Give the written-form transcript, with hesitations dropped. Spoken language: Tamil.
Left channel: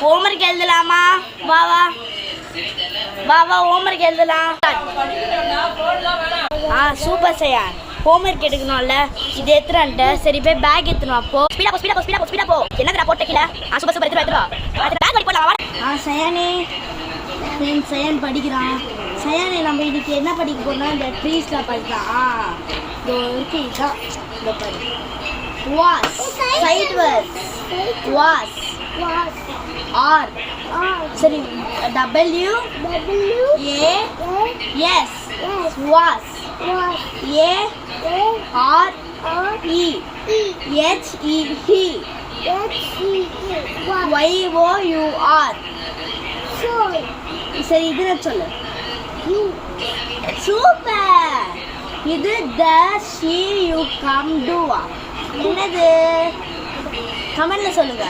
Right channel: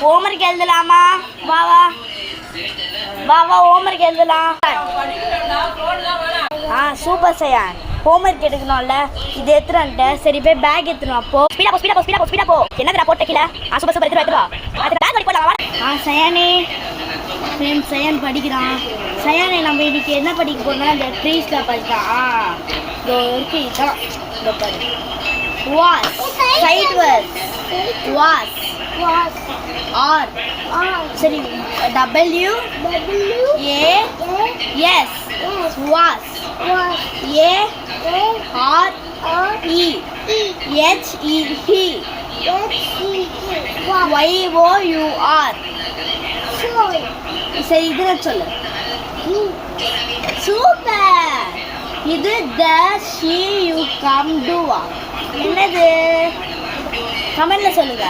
ஹோம்வொர்க் எழுதலாமா? வா வா வா வா ஹோம்வொர்க் எழுதலாம். சூப்பர் சையான். ஹோம்வொர்க் எடுக்கணும்ல, இது எடுத்துட்டு சரி போய் பேக் எடுத்துணும். அப்போ ஸ்பீடா போ என்னடா போட்ட கீழே. சூப்பர் சூப்பர் எடுத்துட்டு அது பேக் பண்ணி போடலாம். சயானே சயான் படிக்கிறான். சயானே நம்ம இன்னைக்கு என்ன படிக்க போறோம்னா இந்த ட்ரீஸ்ல படிக்கலாம். இருக்கு இதுதான் இந்த பாரு. வாஸ் சைட் வாஸ் வாஸ் ஆர் சரி W A S was A R E H E he Y O U R. சரி இது சொல்லு. சூப்பர். இது the she you come do. என்னது கமெண்ட்ல சொல்லுங்க.